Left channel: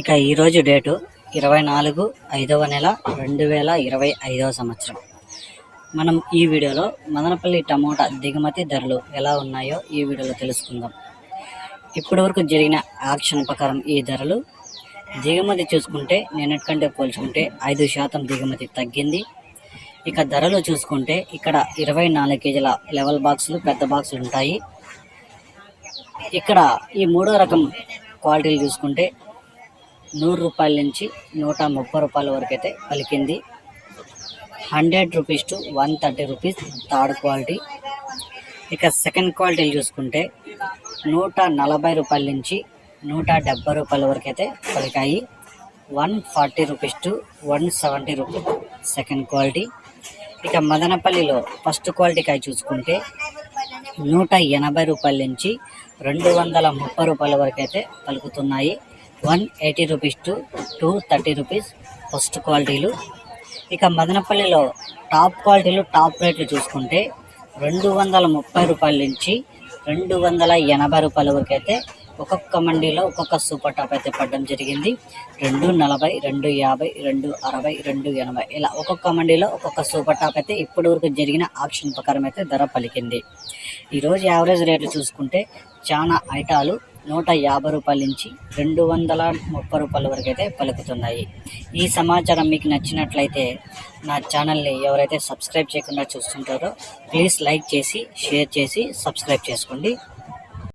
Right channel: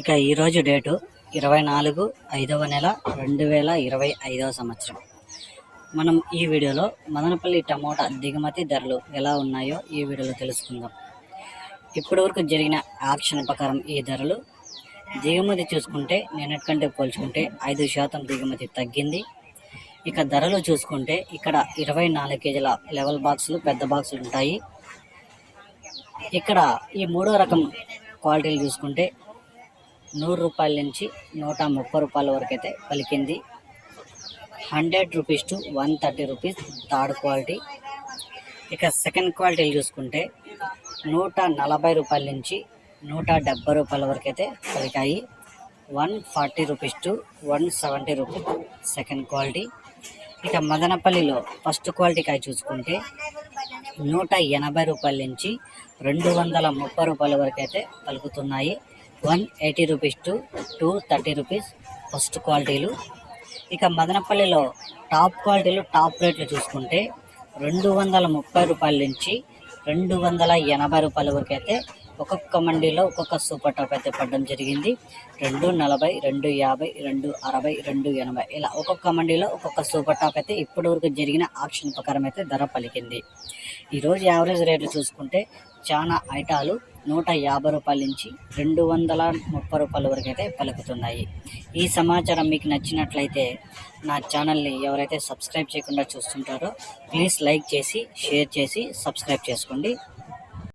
ఇక ఈరోజు డేటు ఇరవై నాలుగు ఐదవ నెల రెండు వేల ఇరవై ఐదవ సంవత్సరం. మనం ఈ వీడియోలో మదనపల్లి టమోటా దిగుమతి ధరలు ఎలా ఉన్నాయో ఈ వీడియోలో తెలుసుకుందాం. ఇప్పటివరకు జరిగిన ఆక్షన్ ప్రకారం ఈ ధరలు దిగుమతి చూసుకుంటే నిన్నటికంటే పోల్చుకుంటే ఐదు శాతం దిగుమతి తగ్గింది. ఇక ధరలు చూసుకుంటే ఇక్కడ ఇరవై నాలుగు కేజీల లెవెల్ బాక్సులు పెద్ద బాక్సులు ఉంటాయి. ఇక్కడ ఈ మూడో రకం క్వాలిటీలు చూసుకుంటే నూరు రూపాయల నుంచి నూట ముప్పై రూపాయల వరకు అయితే పలికింది. Hundred rupees to one thirty rupees third quality. ఇక సెకండ్ క్వాలిటీలు చూసుకుంటే నూట నలభై రూపాయల నుంచి నూట డెబ్బై రూపాయల వరకు అయితే పలికాయి. One forty rupees to one seventy rupees second quality. ఇక మదనపల్లిలో ఫస్ట్ క్వాలిటీ కాయ చూసుకుంటే నూట ఎనభై రూపాయల నుంచి రెండు వందల ముప్పై రూపాయల వరకు అయితే పలుకుతున్నాయి. One eighty rupees to two thirty rupees first క్వాలిటీలు. ఇక మదనపల్లిలో టాప్ క్వాలిటీలు టాప్ రేట్లు చూసుకుంటే రెండు వందల ముప్పై రూపాయల నుంచి రెండు వందల ఎనభై రూపాయల వరకు అయితే ఒక్కొక్క మండీలో ఒక్కొక్క సూపర్ టాప్ అయితే పడడం జరిగింది. రెండు నలభై రెండు యాభై రెండు అరవై రెండు ఎనభై ఇలా ఒక్కొక్క మండీలో ఒక్కొక్క సూపర్ టాప్ అయితే ఇప్పటి వరకు జరిగిన ఆక్షన్ ప్రకారం అయితే ధర పలికింది. ఈరోజు యావరేజ్ రేటు చూసుకుంటే చాలా ఐటాలు నూట యాభై రూపాయల నుంచి రెండు వందల ముప్పై రూపాయల వరకు అయితే పలుకుతున్నాయి. ఈ సమాచారం మీకు నచ్చినట్లయితే నా ఛానల్ని ఎవరైతే సబ్స్క్రైబ్ చేయకుండా చూస్తుంటారో ప్లీజ్ లైక్ చేసి షేర్ చేసి సబ్స్క్రైబ్ చేసుకోండి.